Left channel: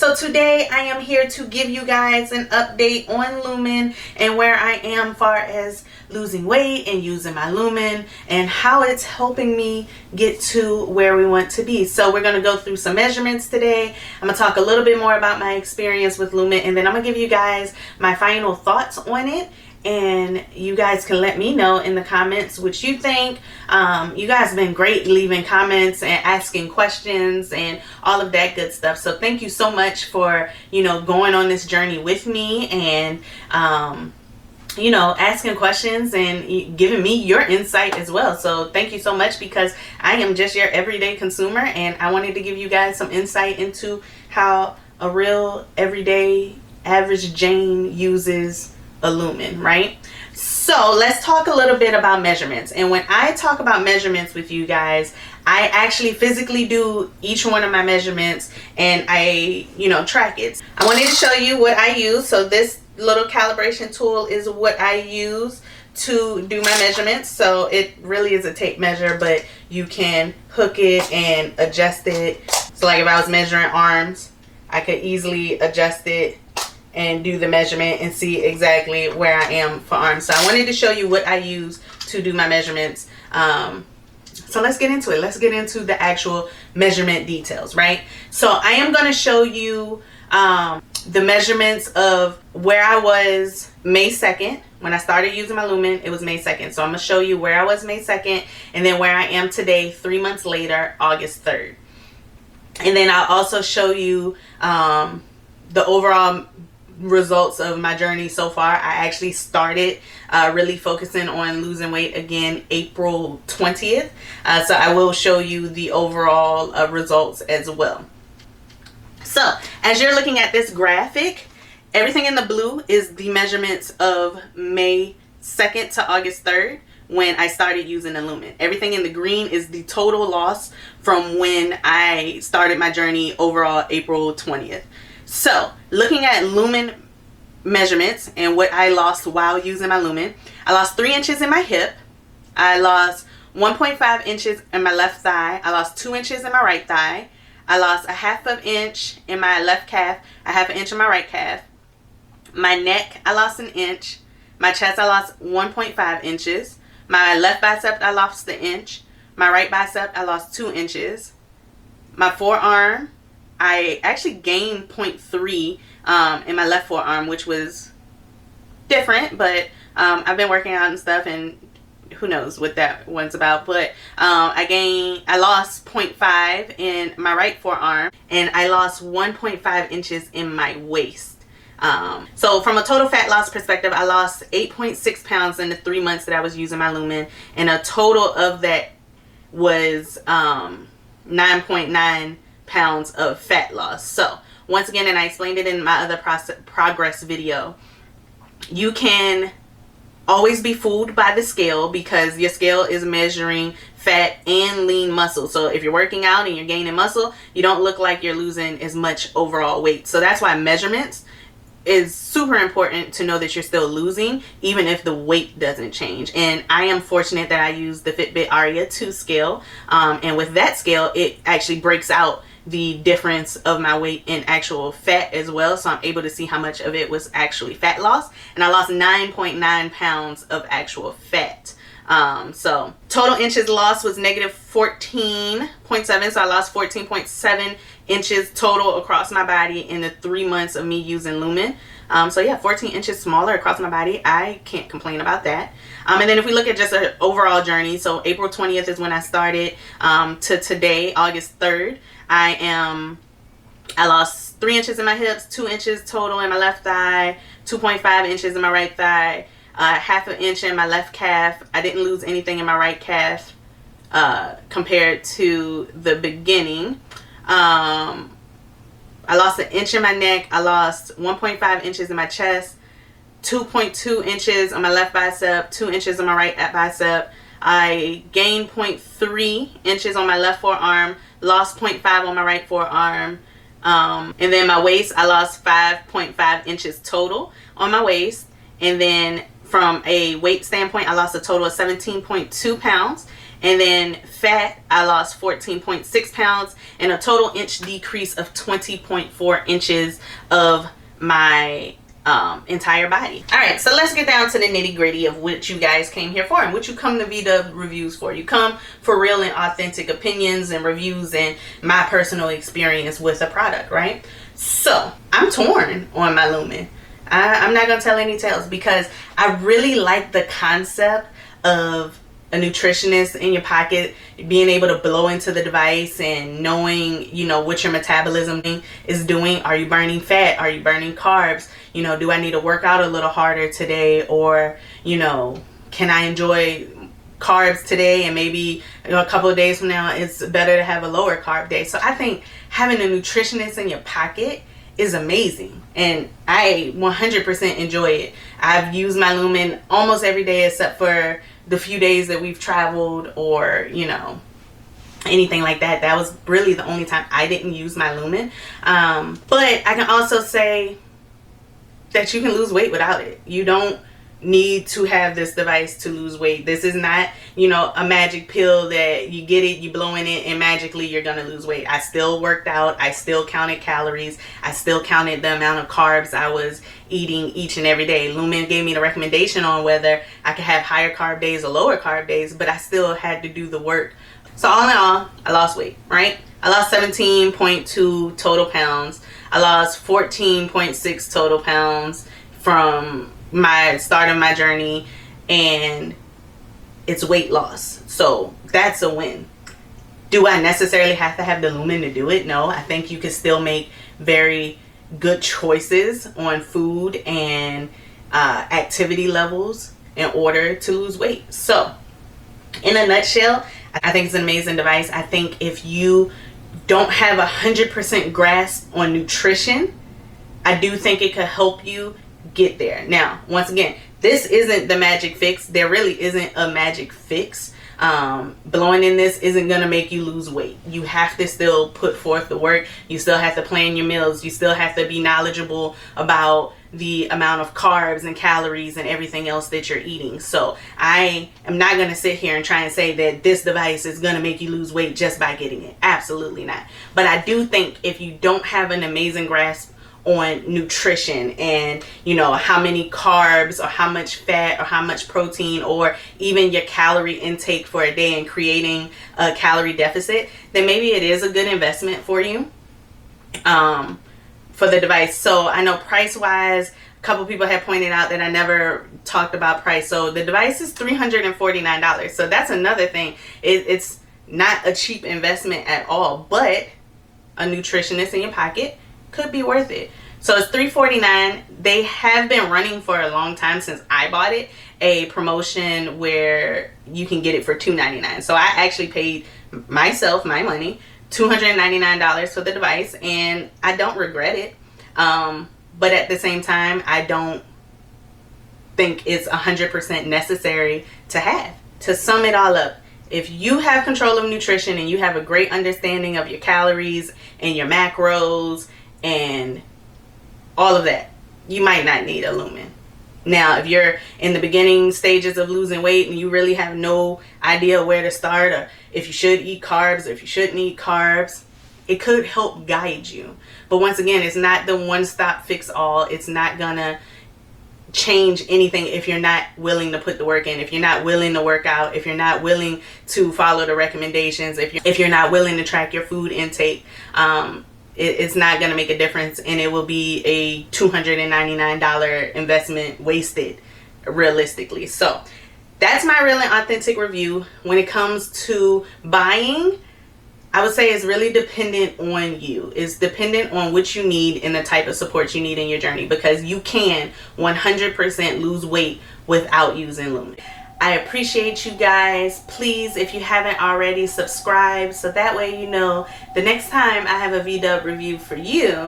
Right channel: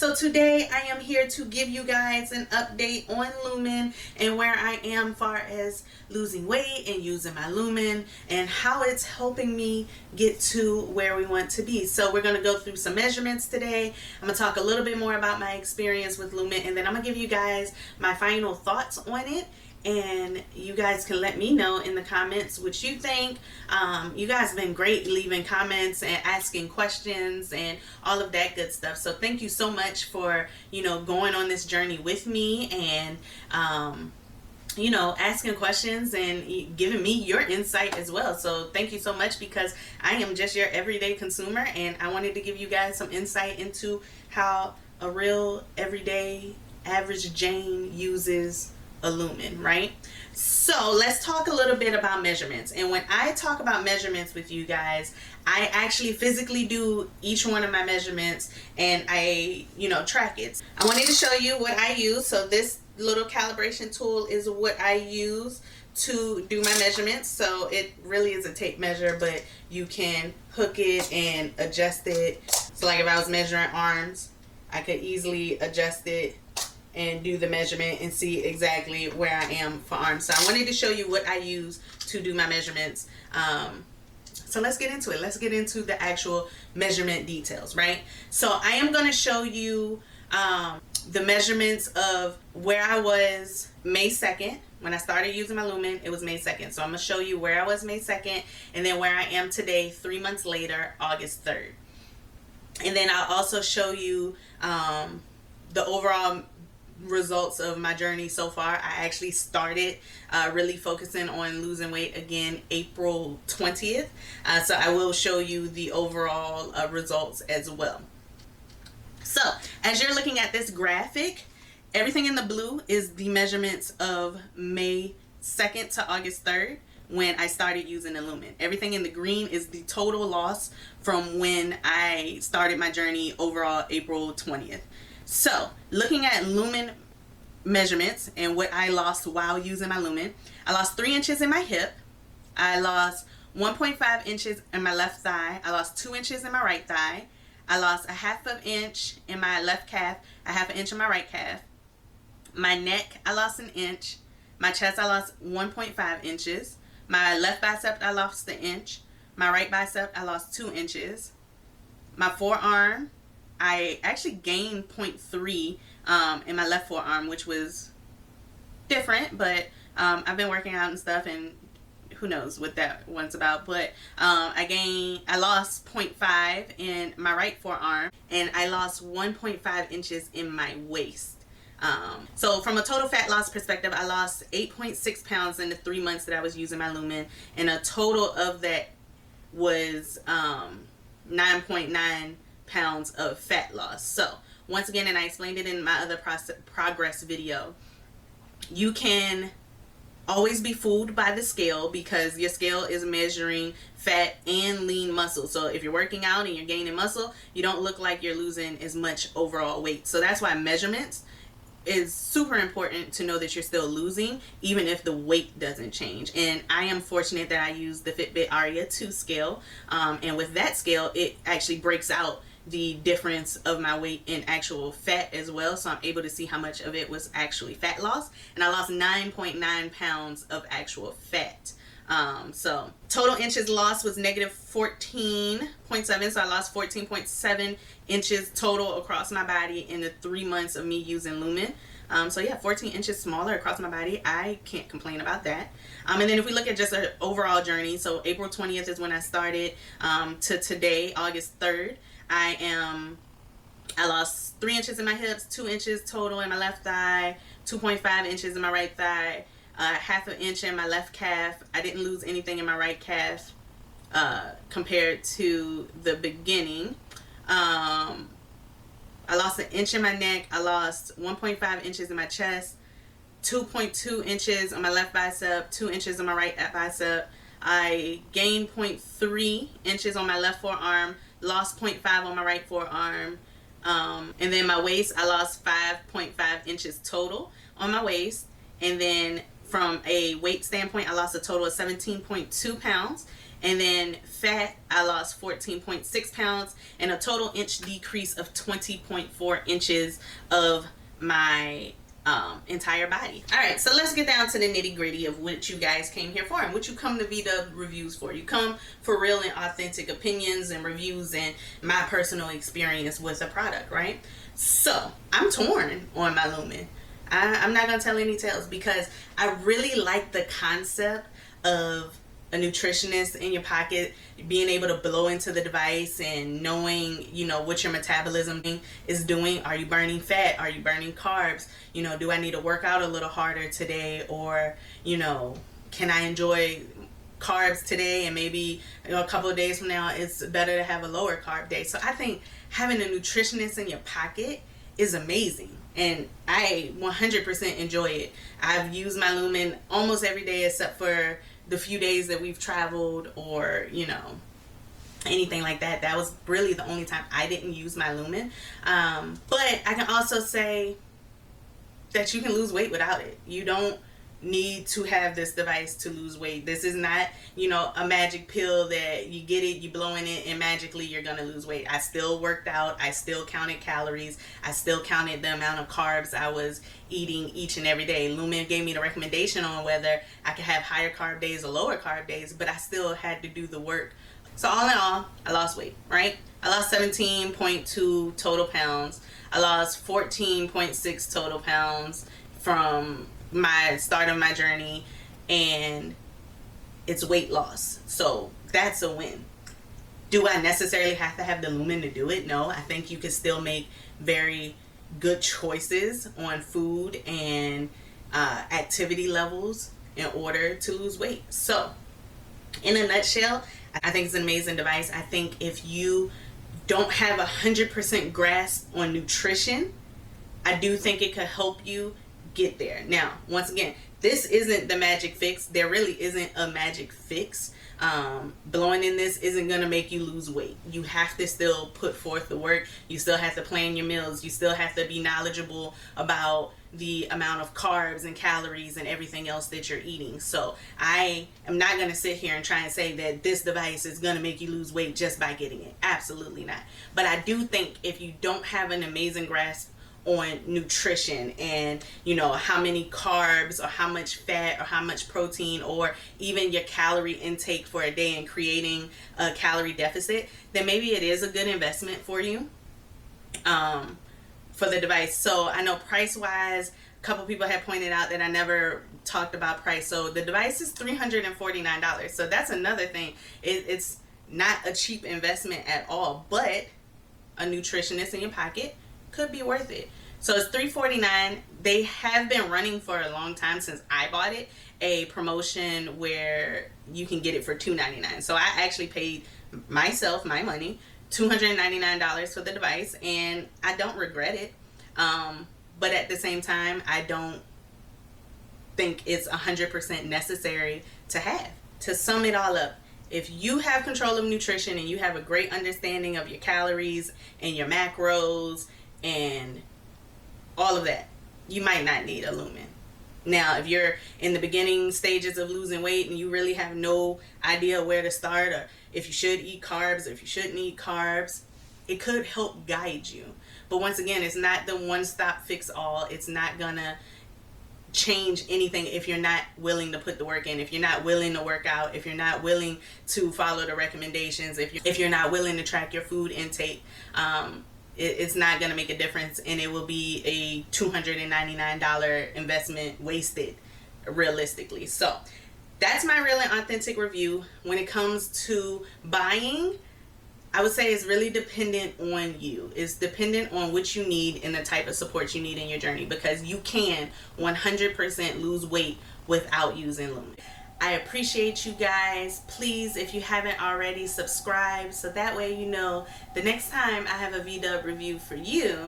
So today I am here to give you guys an update on Lumen and where I am far as losing weight and using my Lumen and how it's helping me get to where we want to be. So we're going to go through some measurements today. I'm going to talk a little bit more about my experience with Lumen, and then I'm going to give you guys my final thoughts on it. And you guys can let me know in the comments what you think. You guys have been great leaving comments and asking questions and all of that good stuff. So thank you so much for, going on this journey with me and, asking questions and giving me your insight as well. So thank you so much, because I am just your everyday consumer and I wanted to give you guys some insight into how a real everyday average Jane uses a Lumen, right? So let's talk a little bit about measurements. And when I talk about measurements with you guys, I actually physically do each one of my measurements and I, track it. I wanted to show you what I use. So this little calibration tool is what I use to do my measurements. So it really is a tape measure, but you can hook it and adjust it. So like if I was measuring arms, I could easily adjust it and do the measurement and see exactly where I am for arms. So I wanted to show you what I use to do my measurements. So let's get into it. Let's get into the actual measurement details, right? So I am going to show you the measurements of where I was May 2nd. When I started using my Lumen, it was May 2nd. So I'm going to show you where I was May 2nd and then where I am today, 3 months later, August 3rd. And then I'll also show you the overall results of my journey so far. I actually started really focusing on losing weight again April 20th. So I will show you the overall results as well. So as you're looking at this graphic, everything in the blue is the measurements of May 2nd to August 3rd when I started using the Lumen. Everything in the green is the total loss from when I started my journey overall April 20th. So looking at Lumen measurements and what I lost while using my Lumen, I lost 3 inches in my hip. I lost 1.5 inches in my left thigh. I lost 2 inches in my right thigh. I lost a 1/2 inch in my left calf, a 1/2 inch in my right calf. My neck, I lost 1 inch. My chest, I lost 1.5 inches. My left bicep, I lost 1 inch. My right bicep, I lost 2 inches. My forearm, I actually gained 0.3 in my left forearm, which was different, but I've been working out and stuff, and who knows what that one's about. But I lost 0.5 in my right forearm, and I lost 1.5 inches in my waist. So from a total fat loss perspective, I lost 8.6 pounds in the 3 months that I was using my Lumen, and a total of that was 9.9 pounds of fat loss. So once again, and I explained it in my other progress video, you can always be fooled by the scale because your scale is measuring fat and lean muscle. So if you're working out and you're gaining muscle, you don't look like you're losing as much overall weight. So that's why measurements is super important, to know that you're still losing even if the weight doesn't change. And I am fortunate that I use the Fitbit Aria 2 scale, and with that scale it actually breaks out the difference of my weight in actual fat as well, so I'm able to see how much of it was actually fat loss, and I lost 9.9 pounds of actual fat. So total inches lost was negative 14.7, so I lost 14.7 inches total across my body in the 3 months of me using Lumen. So yeah, 14 inches smaller across my body. I can't complain about that. And then if we look at just an overall journey, so April 20th is when I started, to today, August 3rd, I lost 3 inches in my hips, 2 inches total in my left thigh, 2.5 inches in my right thigh, 1/2 inch in my left calf. I didn't lose anything in my right calf compared to the beginning. I lost 1 inch in my neck. I lost 1.5 inches in my chest, 2.2 inches on my left bicep, 2 inches on my right bicep. I gained 0.3 inches on my left forearm, lost 0.5 on my right forearm. And then my waist, I lost 5.5 inches total on my waist. And then from a weight standpoint, I lost a total of 17.2 pounds. And then fat, I lost 14.6 pounds, and a total inch decrease of 20.4 inches of my entire body. All right, so let's get down to the nitty gritty of what you guys came here for and what you come to VW Reviews for. You come for real and authentic opinions and reviews and my personal experience with a product, right? So I'm torn on my Lumen. I'm not gonna tell any tales because I really like the concept of a nutritionist in your pocket, being able to blow into the device and knowing, you know, what your metabolism is doing. Are you burning fat? Are you burning carbs? You know, do I need to work out a little harder today? Or, you know, can I enjoy carbs today and maybe a couple of days from now it's better to have a lower carb day? So I think having a nutritionist in your pocket is amazing, and I 100% enjoy it. I've used my Lumen almost every day except for the few days that we've traveled or, you know, anything like that. That was really the only time I didn't use my Lumen. But I can also say that you can lose weight without it. You don't need to have this device to lose weight. This is not, you know, a magic pill that you get it, you blow in it, and magically you're gonna lose weight. I still worked out. I still counted calories. I still counted the amount of carbs I was eating each and every day. Lumen gave me the recommendation on whether I could have higher carb days or lower carb days, but I still had to do the work. So all in all, I lost weight, right? I lost 17.2 total pounds. I lost 14.6 total pounds from my start of my journey, and it's weight loss. So that's a win. Do I necessarily have to have the Lumen to do it? No, I think you can still make very good choices on food and activity levels in order to lose weight. So in a nutshell, I think it's an amazing device. I think if you don't have 100% grasp on nutrition, I do think it could help you get there. Now, once again, this isn't the magic fix. There really isn't a magic fix. Blowing in this isn't gonna make you lose weight. You have to still put forth the work. You still have to plan your meals. You still have to be knowledgeable about the amount of carbs and calories and everything else that you're eating. So I am not gonna sit here and try and say that this device is gonna make you lose weight just by getting it. Absolutely not. But I do think if you don't have an amazing grasp on nutrition and, you know, how many carbs or how much fat or how much protein or even your calorie intake for a day and creating a calorie deficit, then maybe it is a good investment for you for the device. So I know price wise, a couple people have pointed out that I never talked about price. So the device is $349. So that's another thing. It's not a cheap investment at all, but a nutritionist in your pocket could be worth it. So it's $349. They have been running for a long time since I bought it, a promotion where you can get it for $299. So I actually paid myself my money, $299 for the device, and I don't regret it. But at the same time, I don't think it's 100% necessary to have. To sum it all up, if you have control of nutrition and you have a great understanding of your calories and your macros and all of that, you might not need a Lumen. Now, if you're in the beginning stages of losing weight and you really have no idea where to start, or if you should eat carbs or if you shouldn't eat carbs, it could help guide you. But once again, it's not the one-stop fix-all. It's not gonna change anything if you're not willing to put the work in, if you're not willing to work out, if you're not willing to follow the recommendations, if you're not willing to track your food intake. It's not going to make a difference, and it will be a $299 investment wasted realistically. So that's my real and authentic review. When it comes to buying, I would say it's really dependent on you. It's dependent on what you need and the type of support you need in your journey, because you can 100% lose weight without using Lumen. I appreciate you guys. Please, if you haven't already, subscribe so that way you know the next time I have a VW review for you.